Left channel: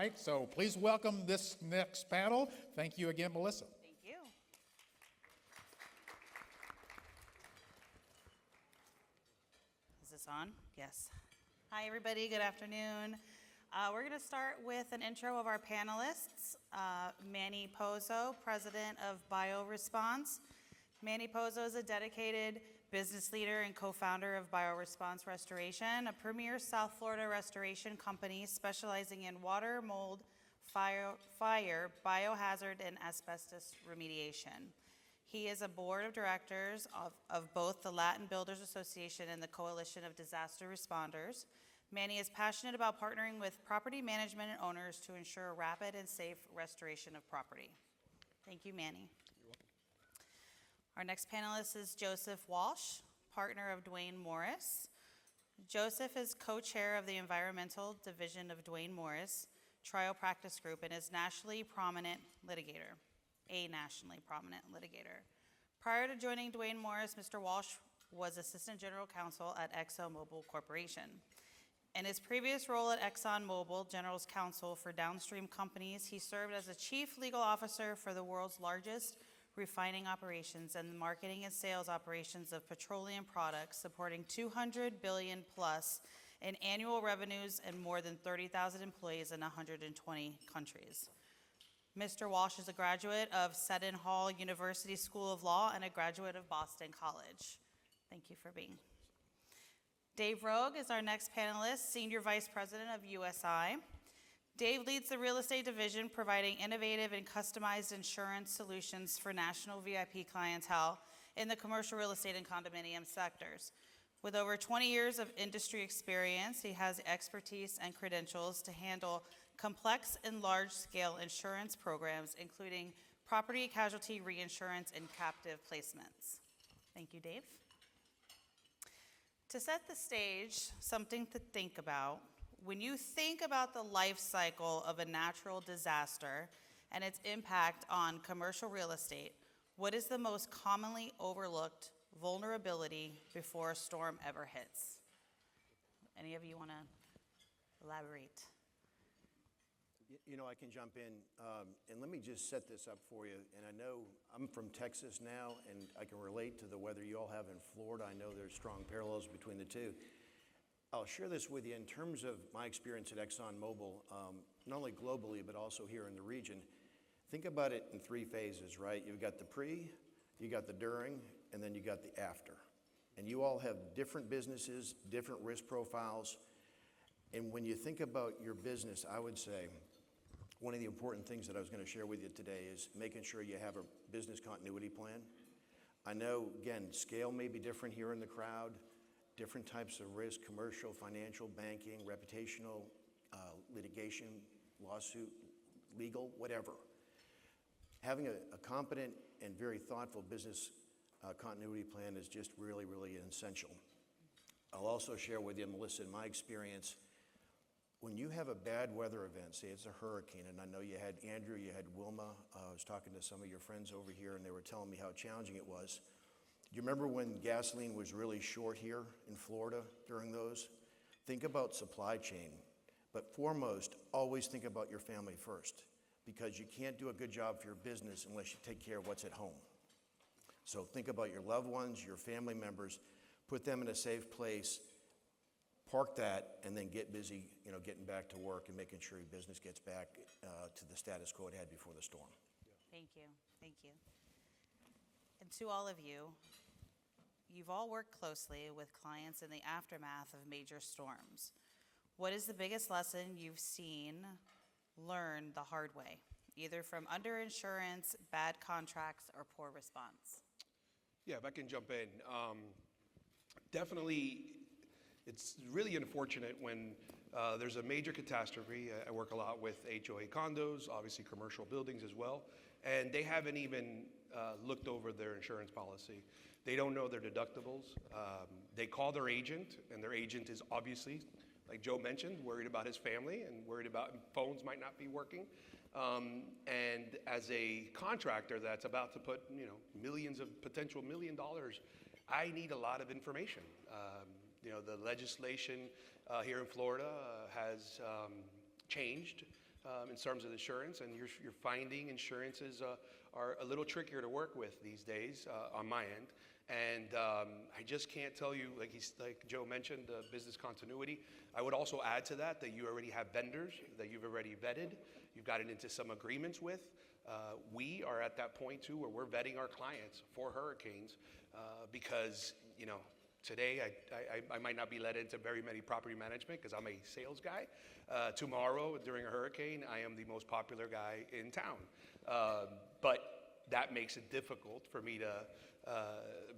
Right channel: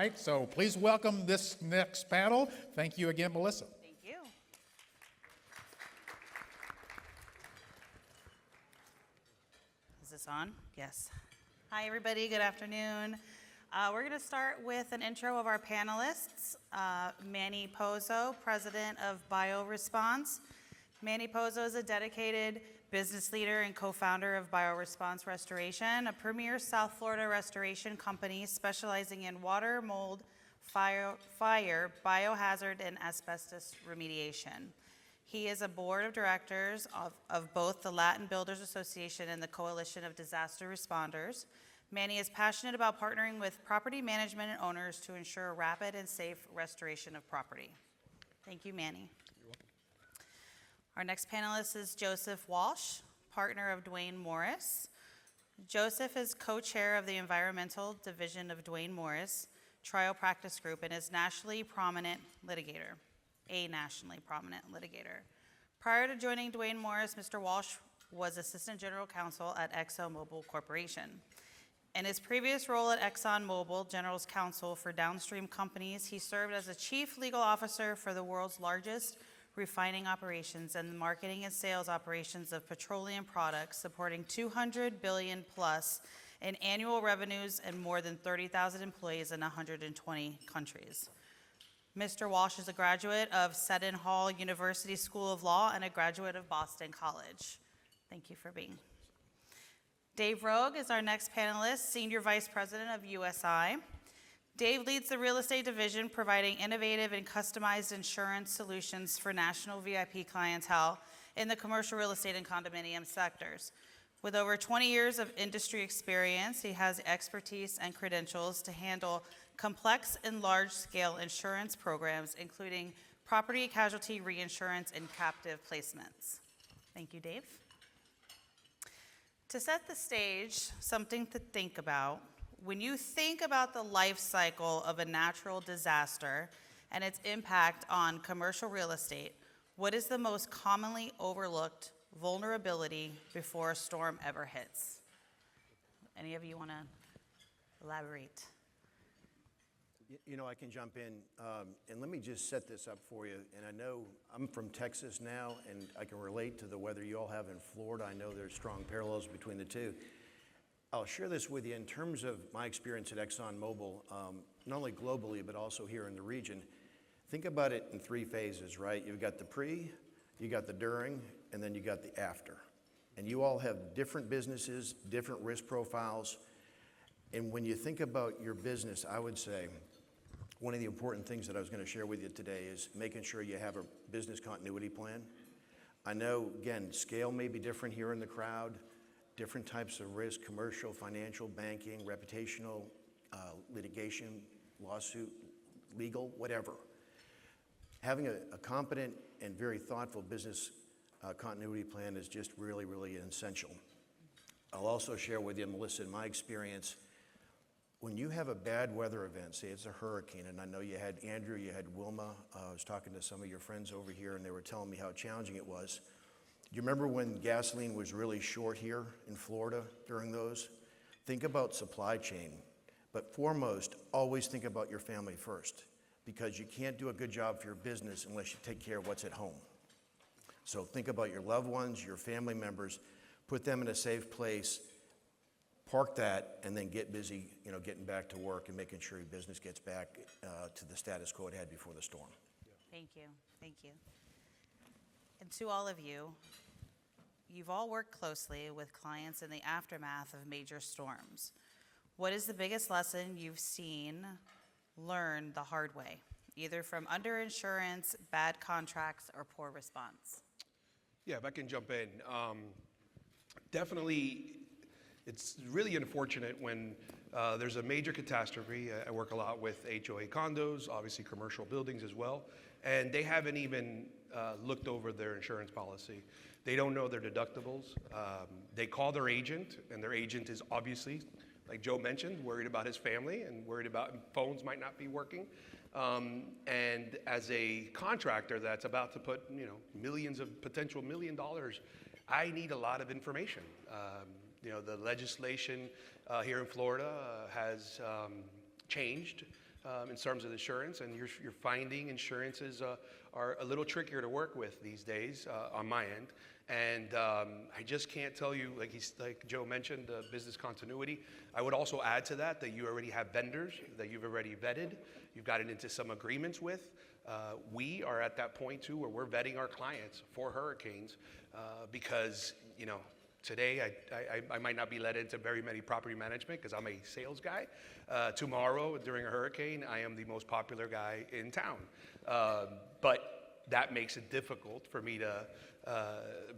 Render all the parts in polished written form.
right, so please welcome this next panel. Thank you again, Melissa. Thank you. Is this on? Yes. Hi, everybody. Good afternoon. We're going to start with an intro of our panelists. Manny Pozo, president of BioResponse. Manny Pozo is a dedicated business leader and co-founder of BioResponse Restoration, a premier South Florida restoration company specializing in water, mold, fire, biohazard, and asbestos remediation. He is a board of directors of both the Latin Builders Association and the Coalition of Disaster Responders. Manny is passionate about partnering with property management and owners to ensure rapid and safe restoration of property. Thank you, Manny. Our next panelist is Joseph Walsh, partner of Duane Morris. Joseph is co-chair of the Environmental Division of Duane Morris Trial Practice Group and is a nationally prominent litigator. Prior to joining Duane Morris, Mr. Walsh was Assistant General Counsel at ExxonMobil Corporation. In his previous role at ExxonMobil, General Counsel for downstream companies, he served as a chief legal officer for the world's largest refining operations and marketing and sales operations of petroleum products, supporting 200 billion plus in annual revenues and more than 30,000 employees in 120 countries. Mr. Walsh is a graduate of Seton Hall University School of Law and a graduate of Boston College. Thank you for being. Dave Roque is our next panelist, Senior Vice President of USI. Dave leads the real estate division, providing innovative and customized insurance solutions for national VIP clientele in the commercial real estate and condominium sectors. With over 20 years of industry experience, he has expertise and credentials to handle complex and large-scale insurance programs, including property casualty reinsurance and captive placements. Thank you, Dave. To set the stage, something to think about. When you think about the life cycle of a natural disaster and its impact on commercial real estate, what is the most commonly overlooked vulnerability before a storm ever hits? Any of you want to elaborate? You know, I can jump in, and let me just set this up for you. And I know I'm from Texas now, and I can relate to the weather you all have in Florida. I know there's strong parallels between the two. I'll share this with you in terms of my experience at ExxonMobil, not only globally, but also here in the region. Think about it in three phases, right? You've got the pre, you got the during, and then you got the after. And you all have different businesses, different risk profiles. And when you think about your business, I would say one of the important things that I was going to share with you today is making sure you have a business continuity plan. I know, again, scale may be different here in the crowd. Different types of risk, commercial, financial, banking, reputational, litigation, lawsuit, legal, whatever. Having a competent and very thoughtful business continuity plan is just really, really essential. I'll also share with you, Melissa, in my experience, when you have a bad weather event, say it's a hurricane, and I know you had Andrew, you had Wilma, I was talking to some of your friends over here, and they were telling me how challenging it was. Do you remember when gasoline was really short here in Florida during those? Think about supply chain, but foremost, always think about your family first, because you can't do a good job for your business unless you take care of what's at home. So think about your loved ones, your family members, put them in a safe place, park that, and then get busy, getting back to work and making sure your business gets back to the status quo it had before the storm. Thank you. And to all of you, you've all worked closely with clients in the aftermath of major storms. What is the biggest lesson you've seen learned the hard way, either from underinsurance, bad contracts, or poor response? Yeah, if I can jump in. Definitely, it's really unfortunate when there's a major catastrophe. I work a lot with HOA condos, obviously commercial buildings as well, and they haven't even looked over their insurance policy. They don't know their deductibles. They call their agent, and their agent is obviously, like Joe mentioned, worried about his family and worried about phones might not be working. And as a contractor that's about to put potential $1 million, I need a lot of information. The legislation here in Florida has changed in terms of insurance, and you're finding insurances are a little trickier to work with these days on my end. And I just can't tell you, like Joe mentioned, business continuity. I would also add to that you already have vendors that you've already vetted, you've gotten into some agreements with. We are at that point too where we're vetting our clients for hurricanes because, today I might not be led into very many property management because I'm a sales guy. Tomorrow during a hurricane, I am the most popular guy in town. But that makes it difficult for me to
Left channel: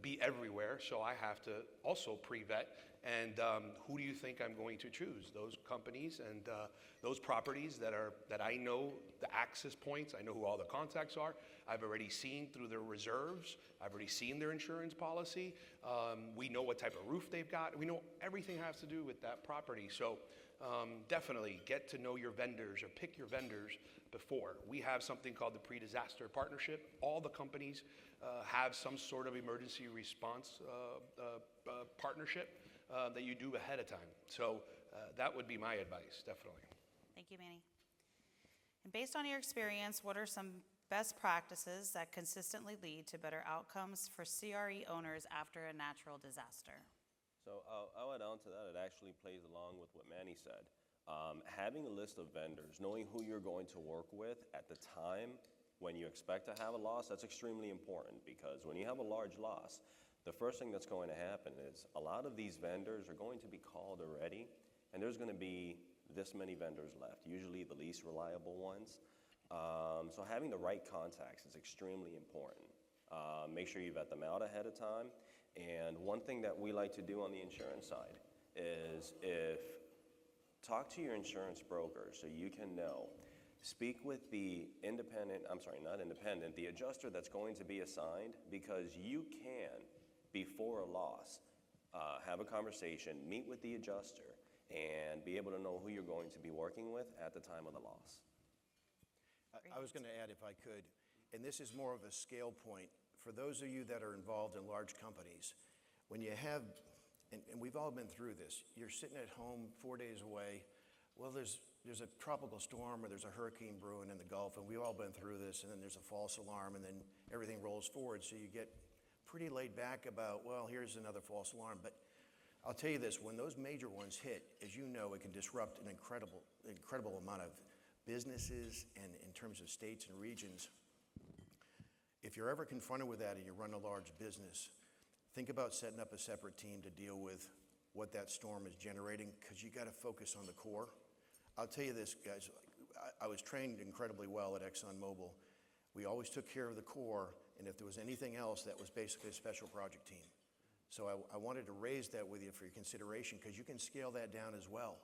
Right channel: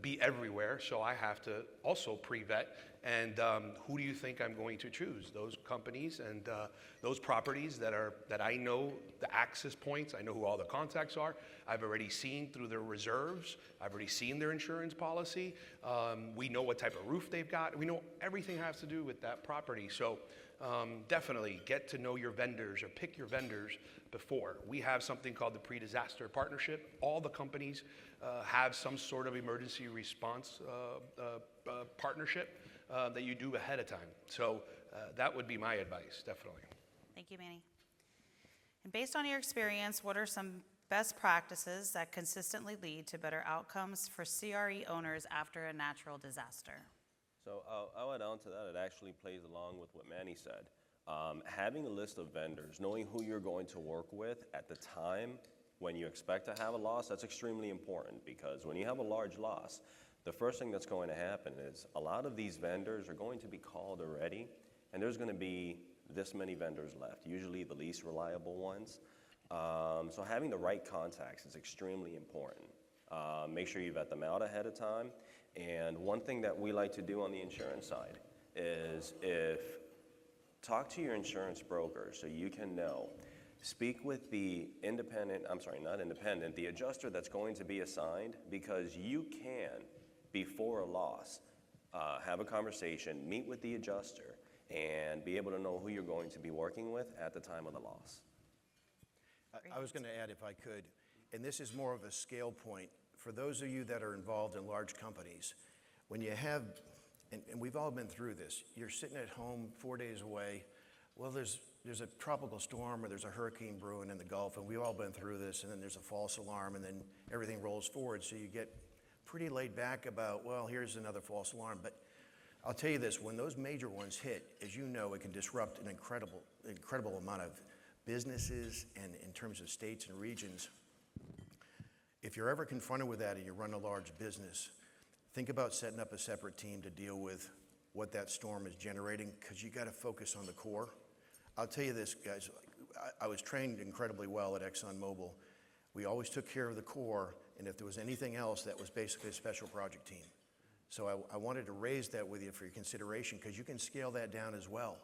be everywhere, so I have to also pre-vet. And who do you think I'm going to choose? Those companies and those properties that I know the access points, I know who all the contacts are. I've already seen through their reserves. I've already seen their insurance policy. We know what type of roof they've got. We know everything has to do with that property. So definitely get to know your vendors or pick your vendors before. We have something called the pre-disaster partnership. All the companies have some sort of emergency response partnership that you do ahead of time. So that would be my advice, definitely. Thank you, Manny. And based on your experience, what are some best practices that consistently lead to better outcomes for CRE owners after a natural disaster? So I'll add on to that. It actually plays along with what Manny said. Having a list of vendors, knowing who you're going to work with at the time when you expect to have a loss, that's extremely important, because when you have a large loss, the first thing that's going to happen is a lot of these vendors are going to be called already, and there's going to be this many vendors left, usually the least reliable ones. So having the right contacts is extremely important. Make sure you vet them out ahead of time. And one thing that we like to do on the insurance side is talk to your insurance broker so you can know. Speak with the the adjuster that's going to be assigned, because you can, before a loss, have a conversation, meet with the adjuster, and be able to know who you're going to be working with at the time of the loss. I was going to add, if I could, and this is more of a scale point, for those of you that are involved in large companies, when you have, and we've all been through this, you're sitting at home 4 days away, well, there's a tropical storm or there's a hurricane brewing in the Gulf, and we've all been through this, and then there's a false alarm, and then everything rolls forward, so you get pretty laid back about, well, here's another false alarm. But I'll tell you this, when those major ones hit, as you know, it can disrupt an incredible amount of businesses and in terms of states and regions. If you're ever confronted with that and you run a large business, think about setting up a separate team to deal with what that storm is generating, because you got to focus on the core. I'll tell you this, guys, I was trained incredibly well at ExxonMobil. We always took care of the core, and if there was anything else, that was basically a special project team. So I wanted to raise that with you for your consideration, because you can scale that down as well.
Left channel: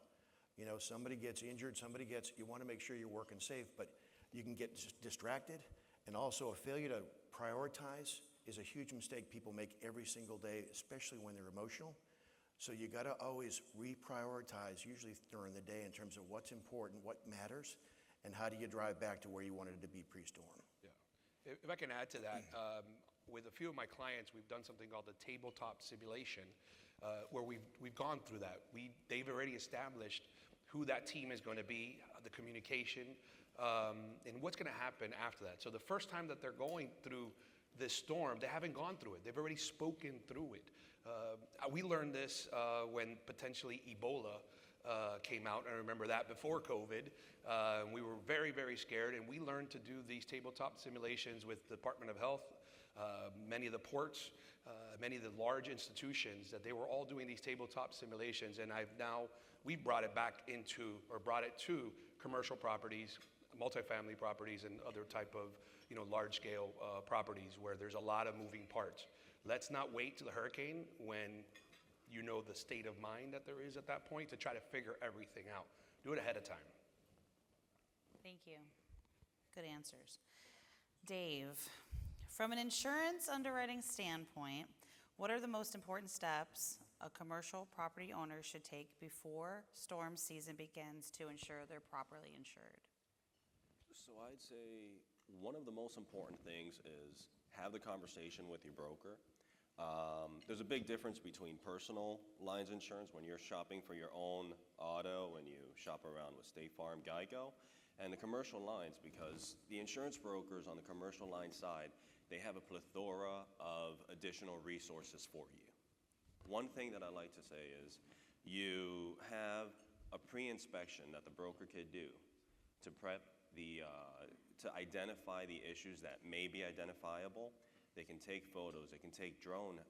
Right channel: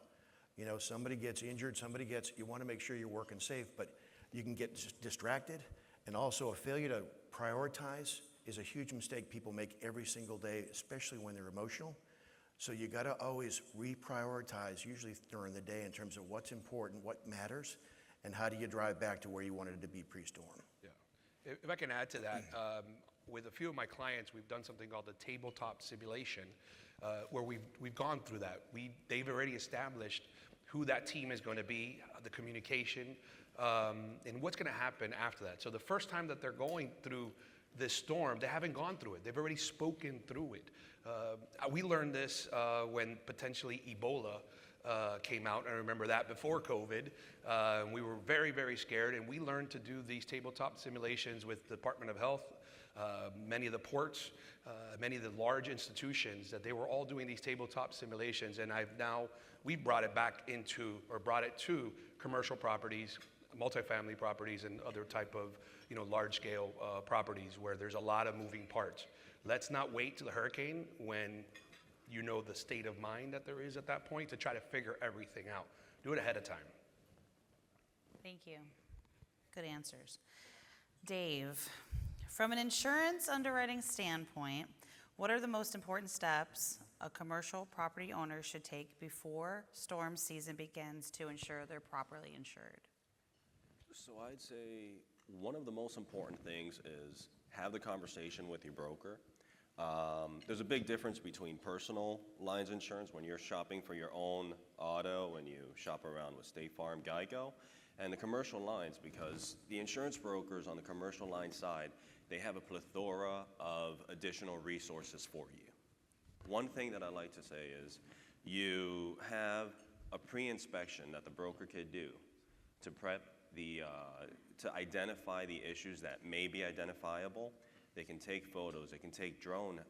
You know, somebody gets injured, you want to make sure you're working safe, but you can get distracted. And also, a failure to prioritize is a huge mistake people make every single day, especially when they're emotional. So you got to always reprioritize, usually during the day, in terms of what's important, what matters, and how do you drive back to where you wanted to be pre-storm. Yeah. If I can add to that, with a few of my clients, we've done something called the tabletop simulation, where we've gone through that. They've already established who that team is going to be, the communication, and what's going to happen after that. So the first time that they're going through this storm, they haven't gone through it. They've already spoken through it. We learned this when potentially Ebola came out. I remember that before COVID. We were very, very scared, and we learned to do these tabletop simulations with the Department of Health, many of the ports, many of the large institutions, that they were all doing these tabletop simulations. And we brought it to commercial properties, multifamily properties, and other type of large-scale properties where there's a lot of moving parts. Let's not wait to the hurricane when you know the state of mind that there is at that point to try to figure everything out. Do it ahead of time. Thank you. Good answers. Dave, from an insurance underwriting standpoint, what are the most important steps a commercial property owner should take before storm season begins to ensure they're properly insured? So I'd say one of the most important things is have the conversation with your broker. There's a big difference between personal lines insurance when you're shopping for your own auto and you shop around with State Farm, Geico, And the commercial lines, because the insurance brokers on the commercial line side, they have a plethora of additional resources for you. One thing that I like to say is you have a pre-inspection that the broker could do to prep to identify the issues that may be identifiable. They can take photos, they can take drone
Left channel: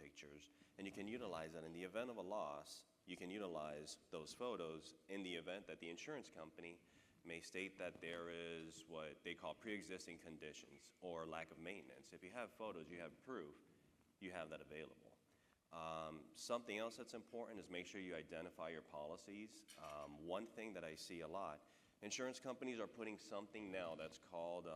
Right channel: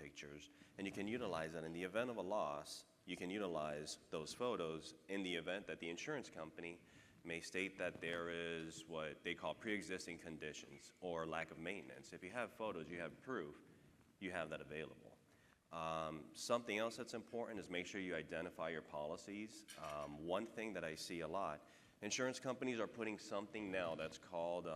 pictures, and you can utilize that in the event of a loss. You can utilize those photos in the event that the insurance company may state that there is what they call pre-existing conditions or lack of maintenance. If you have photos, you have proof, you have that available. Something else that's important is make sure you identify your policies. One thing that I see a lot, insurance companies are putting something now that's called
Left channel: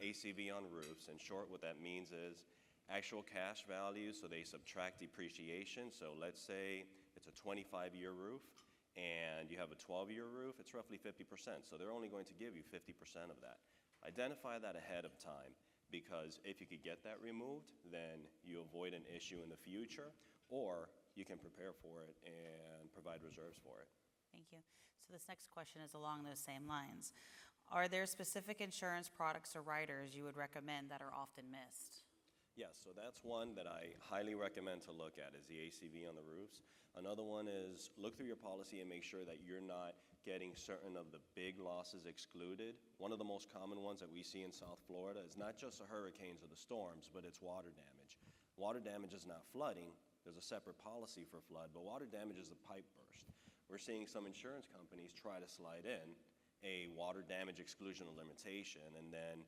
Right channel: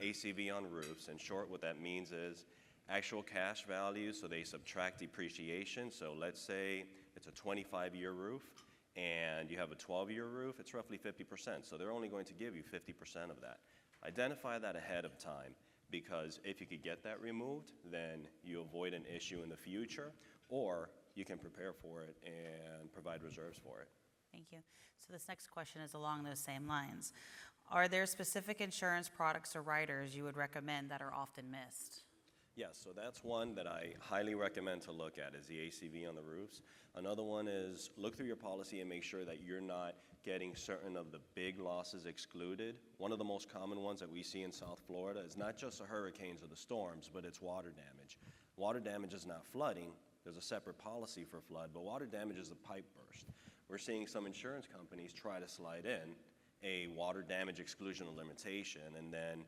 ACV on roofs. In short, what that means is actual cash value, so they subtract depreciation. So let's say it's a 25-year roof and you have a 12-year roof, it's roughly 50%. So they're only going to give you 50% of that. Identify that ahead of time, because if you could get that removed, then you avoid an issue in the future, or you can prepare for it and provide reserves for it. Thank you. So this next question is along those same lines. Are there specific insurance products or riders you would recommend that are often missed? Yes, so that's one that I highly recommend to look at, is the ACV on the roofs. Another one is look through your policy and make sure that you're not getting certain of the big losses excluded. One of the most common ones that we see in South Florida is not just the hurricanes or the storms, but it's water damage. Water damage is not flooding. There's a separate policy for flood, but water damage is a pipe burst. We're seeing some insurance companies try to slide in a water damage exclusion or limitation, and then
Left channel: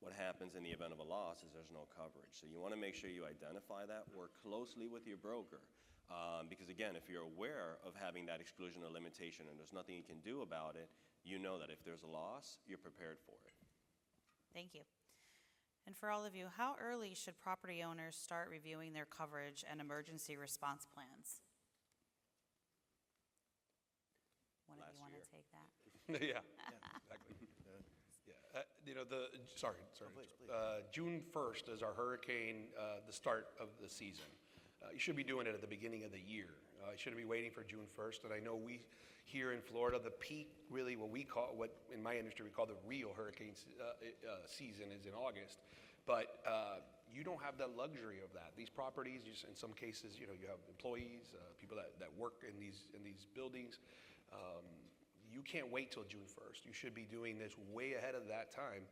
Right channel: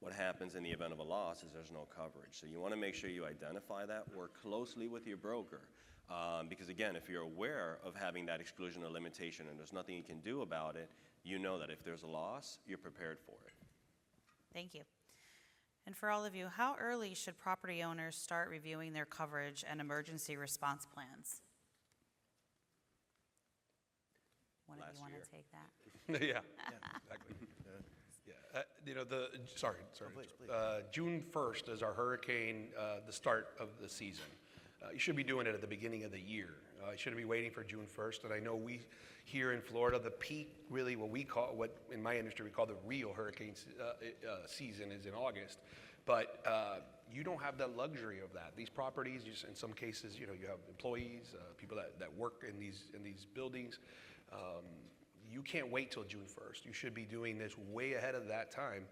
what happens in the event of a loss is there's no coverage. So you want to make sure you identify that, work closely with your broker, because again, if you're aware of having that exclusion or limitation and there's nothing you can do about it, you know that if there's a loss, you're prepared for it. Thank you. And for all of you, how early should property owners start reviewing their coverage and emergency response plans? One of you want to take that? Yeah, exactly. Yeah, sorry. please. June 1st is our hurricane, the start of the season. You should be doing it at the beginning of the year. You shouldn't be waiting for June 1st. And I know we here in Florida, the peak, really what in my industry we call the real hurricane season is in August. But you don't have the luxury of that. These properties, in some cases, you have employees, people that work in these buildings. You can't wait till June 1st. You should be doing this way ahead of that time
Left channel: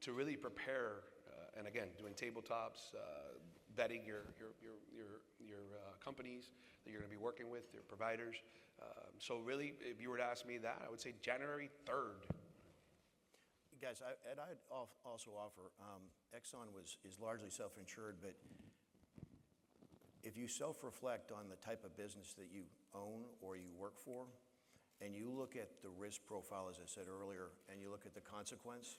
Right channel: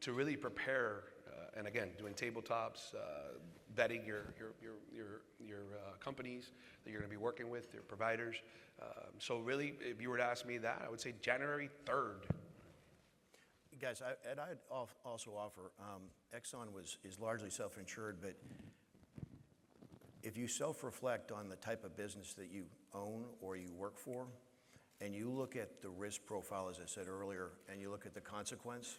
to really prepare. And again, doing tabletops, vetting your companies that you're going to be working with, your providers. So really, if you were to ask me that, I would say January 3rd. Guys, I'd also offer, Exxon is largely self-insured, but if you self-reflect on the type of business that you own or you work for, and you look at the risk profile, as I said earlier, and you look at the consequence,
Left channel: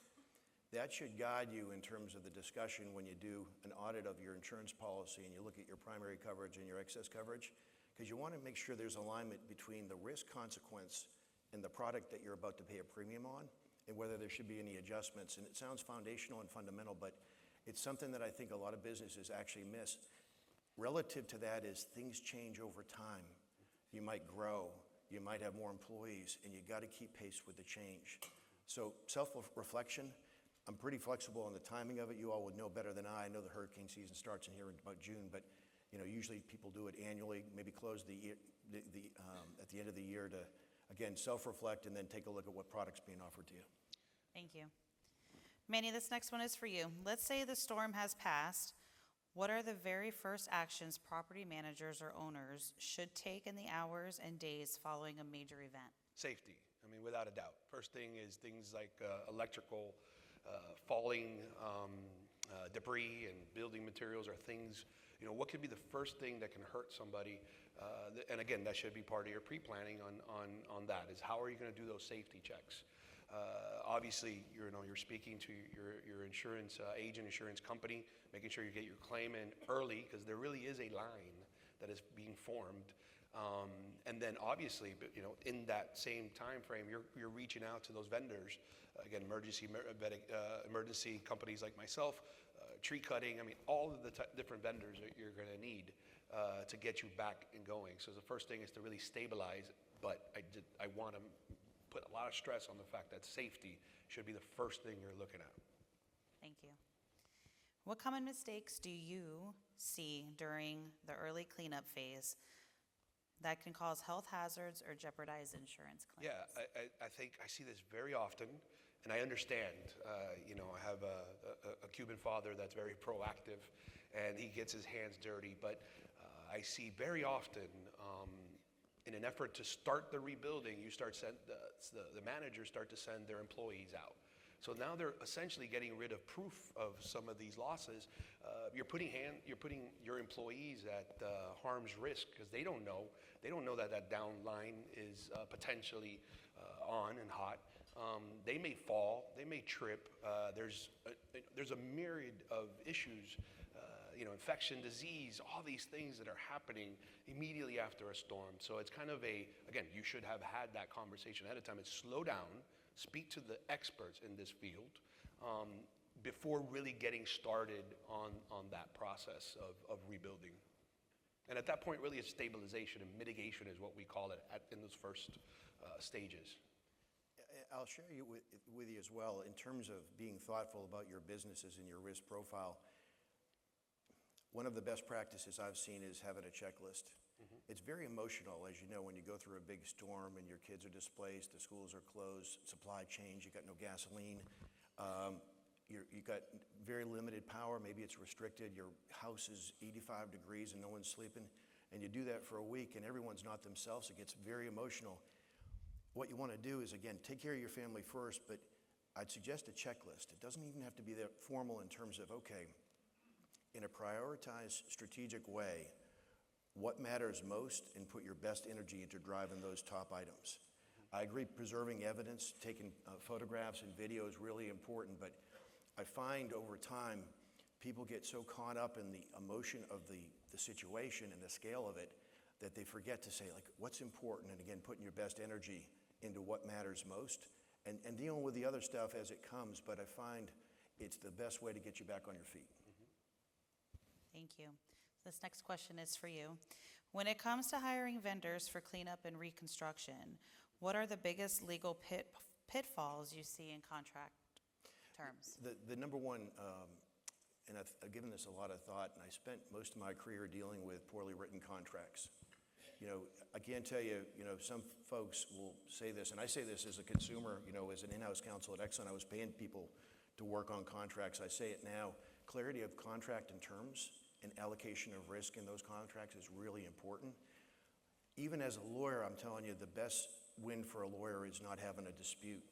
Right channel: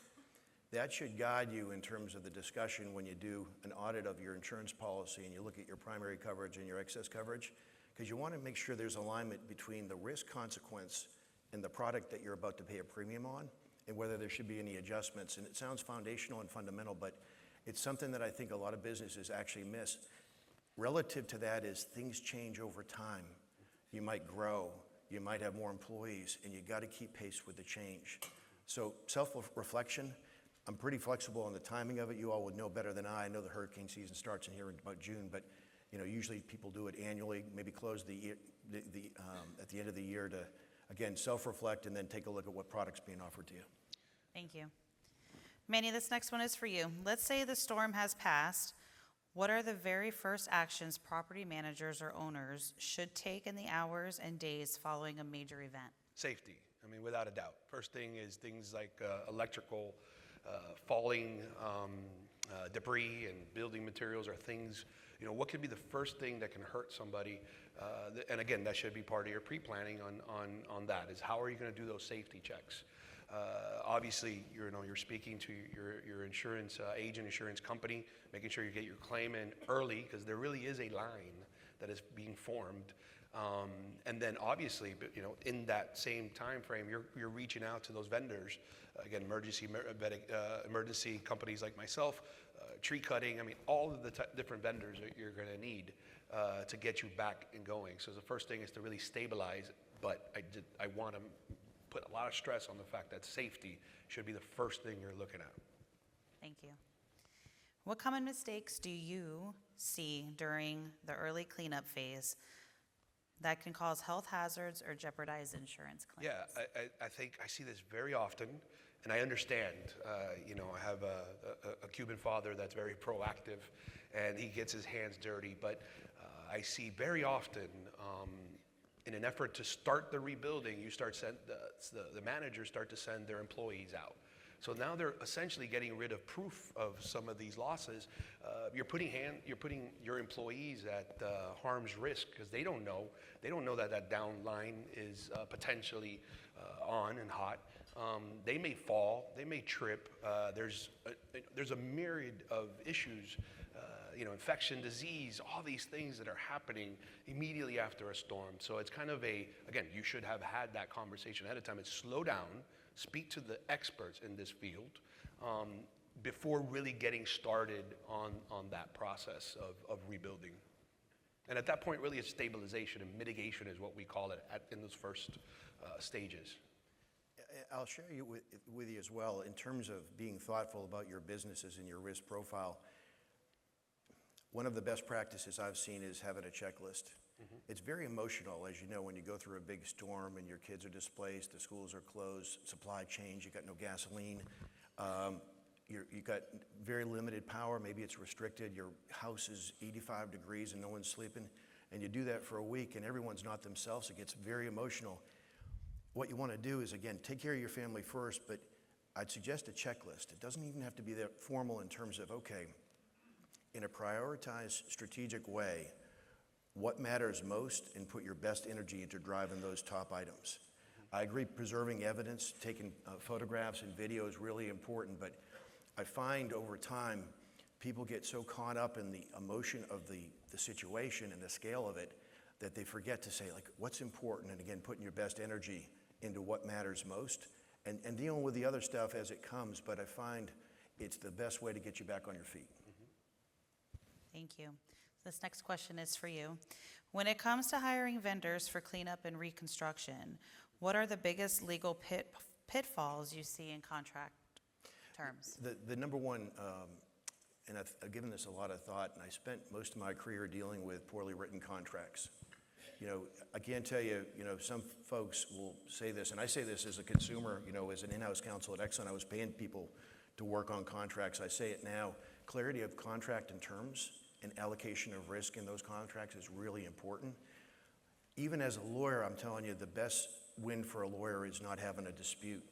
that should guide you in terms of the discussion when you do an audit of your insurance policy and you look at your primary coverage and your excess coverage, because you want to make sure there's alignment between the risk consequence and the product that you're about to pay a premium on, and whether there should be any adjustments. And it sounds foundational and fundamental, but it's something that I think a lot of businesses actually miss. Relative to that is things change over time. You might grow, you might have more employees, and you got to keep pace with the change. So self-reflection, I'm pretty flexible on the timing of it. You all would know better than I know the hurricane season starts in here in about June, but usually people do it annually, maybe close the year, at the end of the year to, again, self-reflect and then take a look at what product's being offered to you. Thank you. Manny, this next one is for you. Let's say the storm has passed. What are the very first actions property managers or owners should take in the hours and days following a major event? Safety, without a doubt. First thing is things like electrical, falling debris and building materials are things, what could be the first thing that can hurt somebody? And again, that should be part of your pre-planning on that, is how are you going to do those safety checks? Obviously, you're speaking to your insurance agent, insurance company, making sure you get your claim in early, because there really is a line that is being formed. And then obviously, in that same time frame, you're reaching out to those vendors. Again, emergency companies like myself, tree cutting, all of the different vendors that you're going to need to get you back and going. So the first thing is to really stabilize, but I want to put a lot of stress on the fact that safety should be the first thing you're looking at. Thank you. What common mistakes do you see during the early cleanup phase that can cause health hazards or jeopardize insurance claims? Yeah, I think I see this very often, and I understand. I have a Cuban father that's very proactive, and he gets his hands dirty. But I see very often, in an effort to start the rebuilding, the managers start to send their employees out. So now they're essentially getting rid of proof of some of these losses. You're putting your employees at harm's risk because they don't know that down line is potentially on and hot. They may fall, they may trip. There's a myriad of issues, infection, disease, all these things that are happening immediately after a storm. So it's kind of again, you should have had that conversation ahead of time. It's slow down, speak to the experts in this field before really getting started on that process of rebuilding. And at that point, really, it's stabilization and mitigation is what we call it in those first stages. I'll share with you as well, in terms of being thoughtful about your businesses and your risk profile. One of the best practices I've seen is having a checklist. It's very emotional, as you know, when you go through a big storm and your kids are displaced, the schools are closed, supply chains, you got no gasoline, you got very limited power, maybe it's restricted, your house is 85 degrees and no one's sleeping, and you do that for a week and everyone's not themselves, it gets very emotional. What you want to do is, again, take care of your family first, but I'd suggest a checklist. It doesn't even have to be that formal in terms of, okay, in a prioritized, strategic way, what matters most, and put your best energy into driving those top items. I agree preserving evidence, taking photographs and video is really important, but I find over time people get so caught up in the emotion of the situation and the scale of it that they forget to say, like, what's important, and again, putting your best energy into what matters most, and dealing with the other stuff as it comes, but I find it's the best way to get you back on your feet. Thank you. This next question is for you. When it comes to hiring vendors for cleanup and reconstruction, what are the biggest legal pitfalls you see in contract terms? The number one, and I've given this a lot of thought, and I spent most of my career dealing with poorly written contracts. I can't tell you, some folks will say this, and I say this as a consumer, as an in-house counsel at Exxon, I was paying people to work on contracts. I say it now, clarity of contract and terms and allocation of risk in those contracts is really important. Even as a lawyer, I'm telling you, the best win for a lawyer is not having a dispute.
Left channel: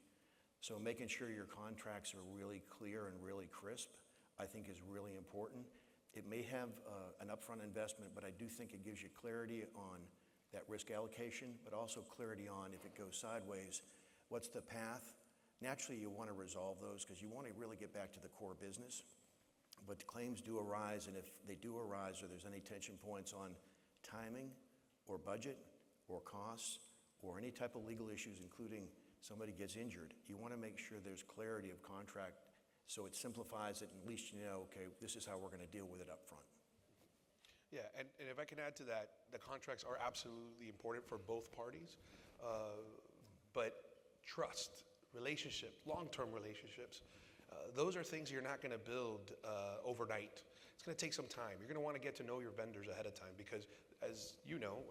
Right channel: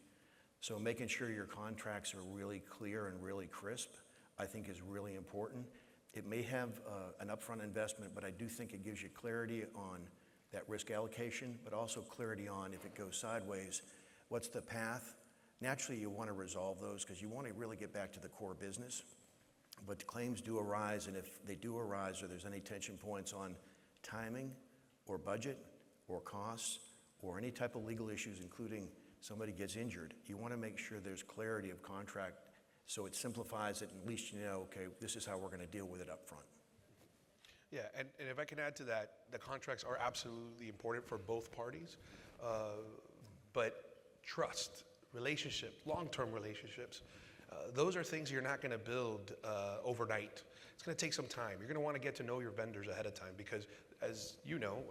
So making sure your contracts are really clear and really crisp, I think is really important. It may have an upfront investment, but I do think it gives you clarity on that risk allocation, but also clarity on if it goes sideways, what's the path? Naturally, you want to resolve those because you want to really get back to the core business. But claims do arise, and if they do arise or there's any tension points on timing or budget or costs or any type of legal issues, including somebody gets injured, you want to make sure there's clarity of contract so it simplifies it, and at least you know, okay, this is how we're going to deal with it up front. Yeah, and if I can add to that, the contracts are absolutely important for both parties, but trust, relationship, long-term relationships, those are things you're not going to build overnight. It's going to take some time. You're going to want to get to know your vendors ahead of time because, as you know,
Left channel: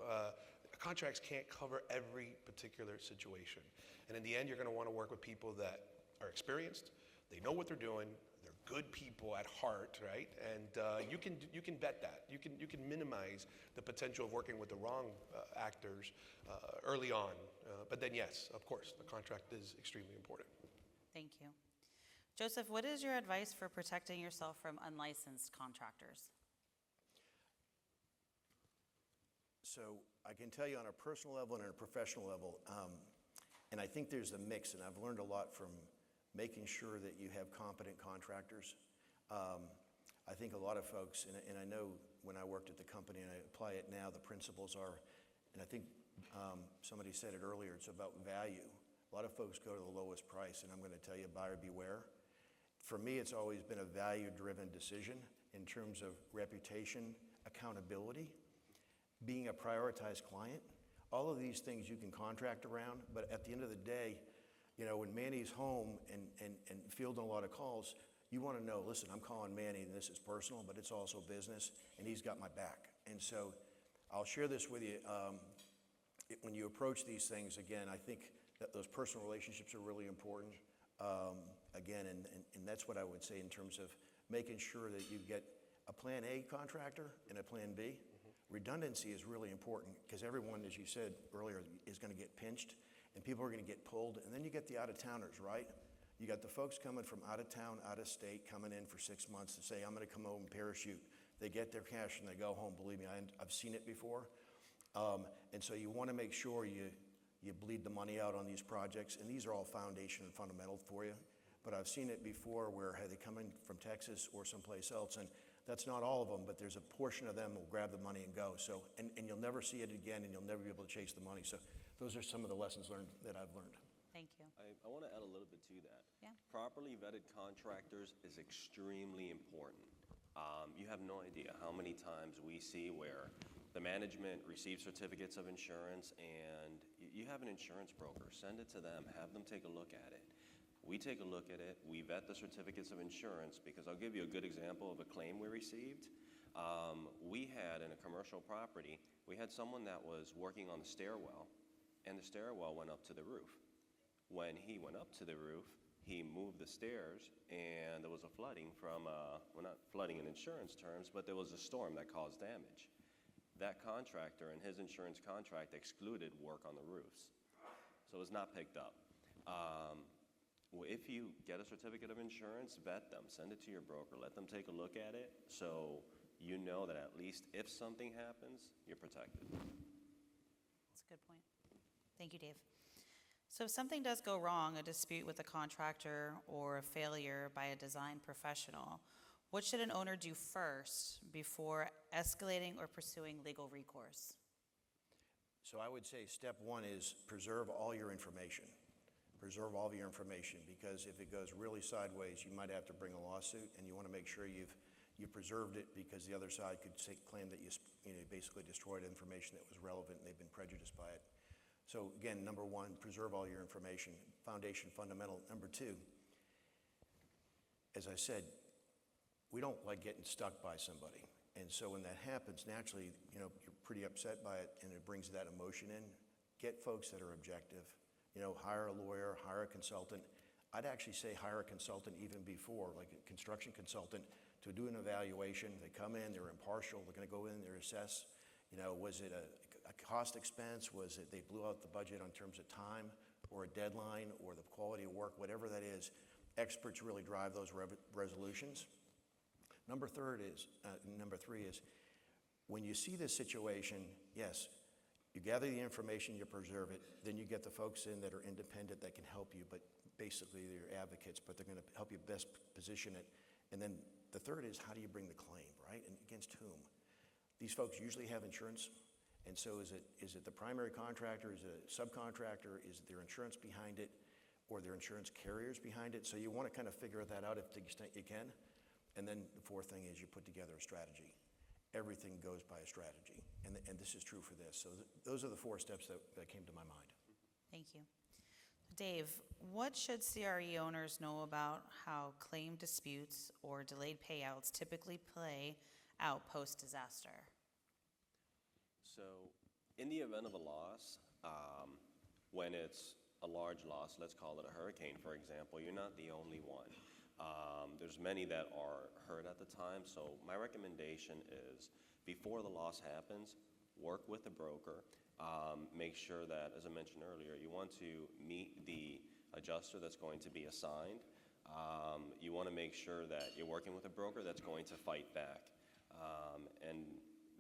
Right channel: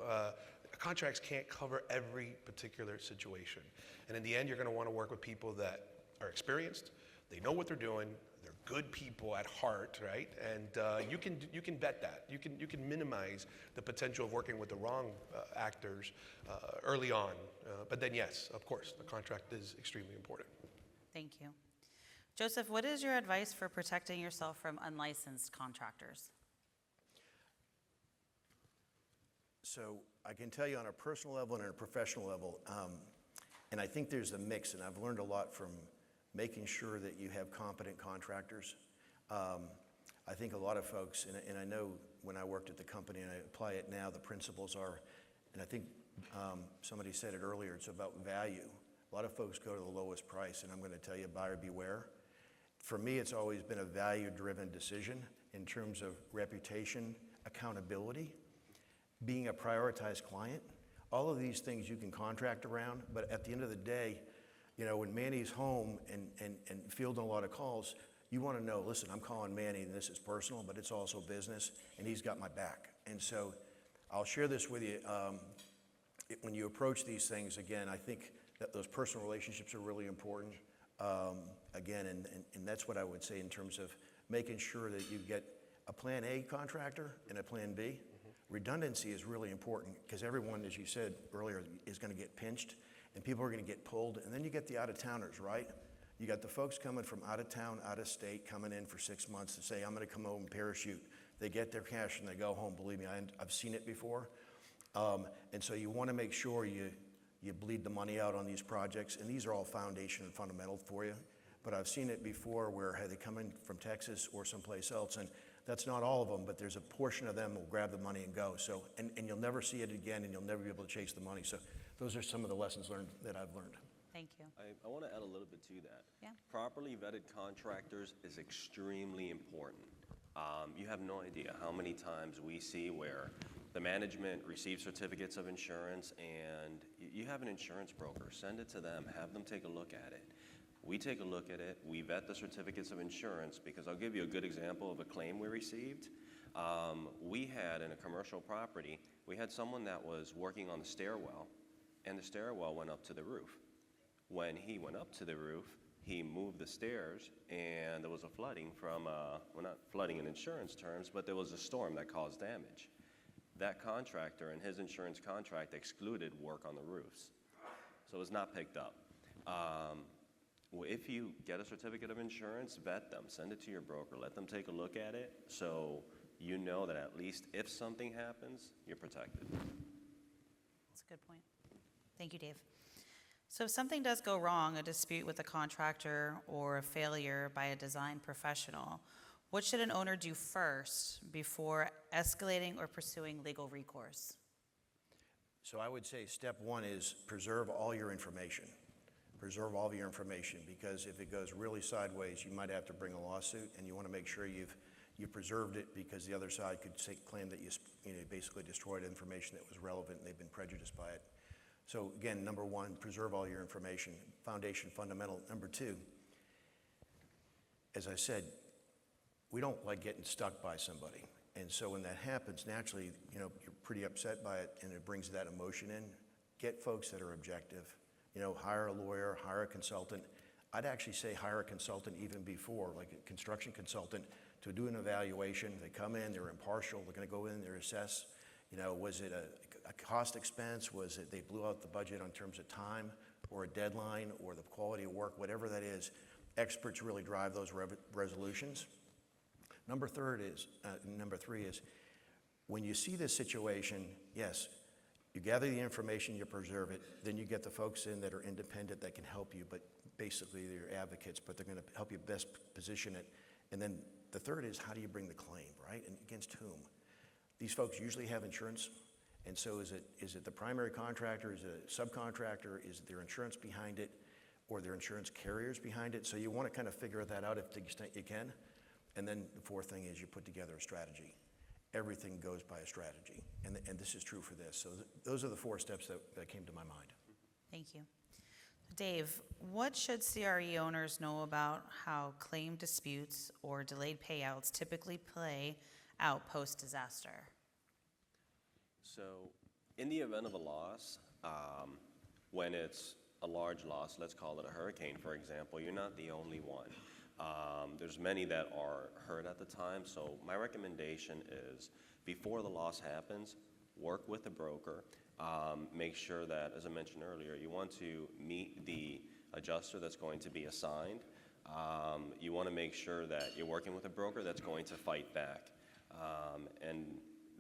contracts can't cover every particular situation. And in the end, you're going to want to work with people that are experienced, they know what they're doing, they're good people at heart, right? And you can vet that. You can minimize the potential of working with the wrong actors early on. But then, yes, of course, the contract is extremely important. Thank you. Joseph, what is your advice for protecting yourself from unlicensed contractors? So I can tell you on a personal level and on a professional level, and I think there's a mix, and I've learned a lot from making sure that you have competent contractors. I think a lot of folks, and I know when I worked at the company and I apply it now, the principles are, and I think somebody said it earlier, it's about value. A lot of folks go to the lowest price, and I'm going to tell you, buyer beware. For me, it's always been a value-driven decision in terms of reputation, accountability, being a prioritized client. All of these things you can contract around, but at the end of the day, You know, when Manny's home and fielding a lot of calls, you want to know, listen, I'm calling Manny and this is personal, but it's also business, and he's got my back. And so I'll share this with you. When you approach these things, again, I think that those personal relationships are really important. Again, and that's what I would say in terms of making sure that you get a plan A contractor and a plan B. Redundancy is really important because everyone, as you said earlier, is going to get pinched and people are going to get pulled. And then you get the out-of-towners, right? You got the folks coming from out of town, out of state, coming in for 6 months to say, I'm going to come home and parachute. They get their cash and they go home. Believe me, I've seen it before. And so you want to make sure you bleed the money out on these projects. And these are all foundation and fundamental for you. But I've seen it before where they come in from Texas or someplace else, and that's not all of them, but there's a portion of them will grab the money and go. So, and you'll never see it again, and you'll never be able to chase the money. So those are some of the lessons learned that I've learned. Thank you. I want to add a little bit to that. Yeah. Properly vetted contractors is extremely important. You have no idea how many times we see where the management receives certificates of insurance and you have an insurance broker, send it to them, have them take a look at it. We take a look at it, we vet the certificates of insurance, because I'll give you a good example of a claim we received. We had in a commercial property, we had someone that was working on the stairwell, and the stairwell went up to the roof. When he went up to the roof, he moved the stairs, and there was a flooding from, well, not flooding in insurance terms, but there was a storm that caused damage. That contractor and his insurance contract excluded work on the roofs. So it was not picked up. If you get a certificate of insurance, vet them, send it to your broker, let them take a look at it so you know that at least if something happens, you're protected. That's a good point. Thank you, Dave. So if something does go wrong, a dispute with a contractor or a failure by a design professional, what should an owner do first before escalating or pursuing legal recourse? So I would say step one is preserve all your information. Preserve all of your information, because if it goes really sideways, you might have to bring a lawsuit, and you want to make sure you've preserved it, because the other side could claim that you basically destroyed information that was relevant and they've been prejudiced by it. So again, number one, preserve all your information. Foundation, fundamental. Number two, as I said, we don't like getting stuck by somebody. And so when that happens, naturally, you're pretty upset by it, and it brings that emotion in. Get folks that are objective. Hire a lawyer, hire a consultant. I'd actually say hire a consultant even before, like a construction consultant, to do an evaluation. They come in, they're impartial, they're going to go in, they're assess. Was it a cost expense? Was it they blew out the budget in terms of time or a deadline or the quality of work, whatever that is. Experts really drive those resolutions. Number three is, when you see this situation, yes, you gather the information, you preserve it, then you get the folks in that are independent that can help you, but basically they're advocates, but they're going to help you best position it. And then the third is, how do you bring the claim, right? And against whom? These folks usually have insurance, and so is it the primary contractor, is it a subcontractor, is it their insurance behind it, or their insurance carriers behind it? So you want to kind of figure that out to the extent you can. And then the fourth thing is you put together a strategy. Everything goes by a strategy, and this is true for this. So those are the 4 steps that came to my mind. Thank you. Dave, what should CRE owners know about how claim disputes or delayed payouts typically play out post-disaster? So in the event of a loss, when it's a large loss, let's call it a hurricane, for example, you're not the only one. There's many that are hurt at the time, so my recommendation is before the loss happens, work with a broker. Make sure that, as I mentioned earlier, you want to meet the adjuster that's going to be assigned. You want to make sure that you're working with a broker that's going to fight back. And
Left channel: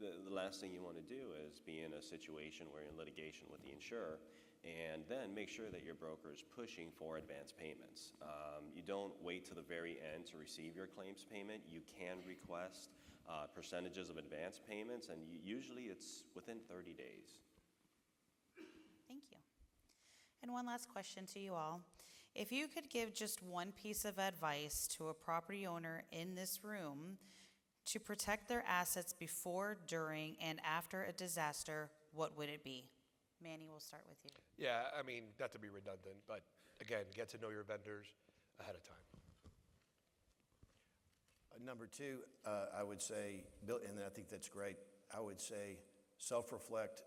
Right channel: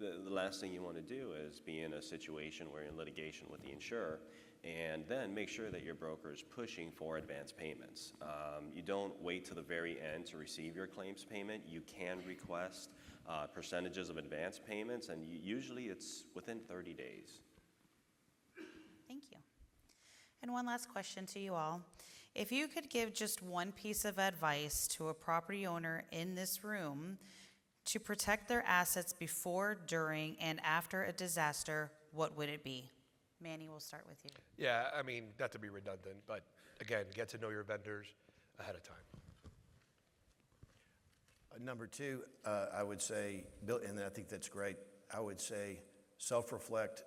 the last thing you want to do is be in a situation where you're in litigation with the insurer, and then make sure that your broker is pushing for advance payments. You don't wait to the very end to receive your claims payment. You can request percentages of advance payments, and usually it's within 30 days. Thank you. And one last question to you all. If you could give just one piece of advice to a property owner in this room to protect their assets before, during, and after a disaster, what would it be? Manny, we'll start with you. Yeah, I mean, not to be redundant, but again, get to know your vendors ahead of time. Number two, I would say, and I think that's great, I would say self-reflect,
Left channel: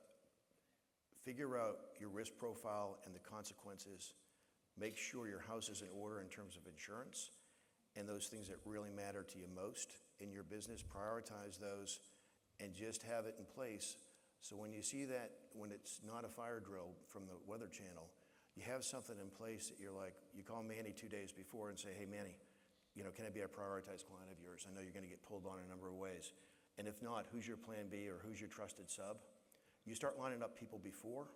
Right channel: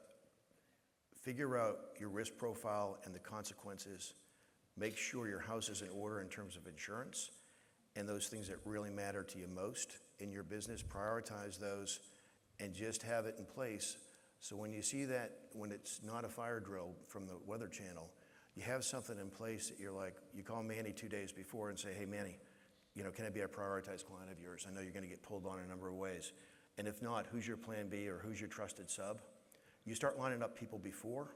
figure out your risk profile and the consequences, make sure your house is in order in terms of insurance, and those things that really matter to you most in your business, prioritize those, and just have it in place. So when you see that, when it's not a fire drill from the Weather Channel, you have something in place that you're like, you call Manny 2 days before and say, hey, Manny, can I be a prioritized client of yours? I know you're going to get pulled on a number of ways. And if not, who's your plan B or who's your trusted sub? You start lining up people before,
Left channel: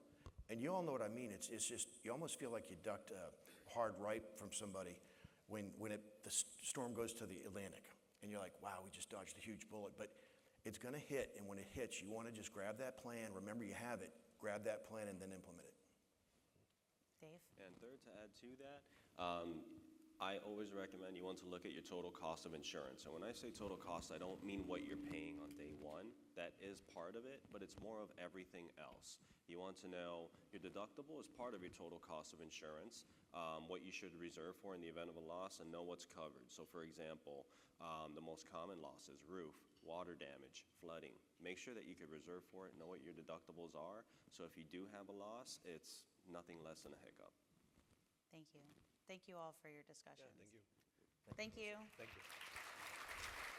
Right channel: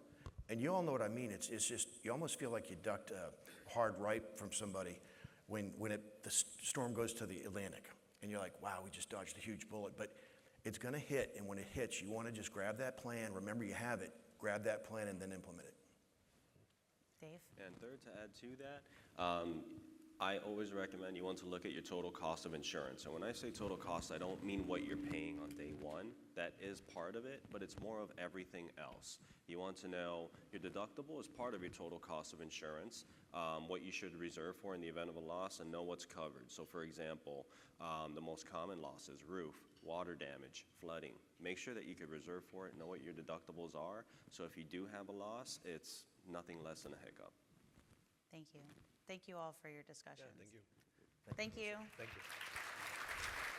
and you all know what I mean. It's just, you almost feel like you ducked a hard right from somebody when the storm goes to the Atlantic. And you're like, wow, we just dodged a huge bullet. But it's going to hit, and when it hits, you want to just grab that plan. Remember, you have it. Grab that plan and then implement it. Dave? And third, to add to that, I always recommend you want to look at your total cost of insurance. And when I say total cost, I don't mean what you're paying on day one. That is part of it, but it's more of everything else. You want to know your deductible is part of your total cost of insurance, what you should reserve for in the event of a loss, and know what's covered. So for example, the most common losses, roof, water damage, flooding. Make sure that you can reserve for it, know what your deductibles are, so if you do have a loss, it's nothing less than a hiccup. Thank you. Thank you all for your discussions. Yeah, thank you. Thank you. Thank you.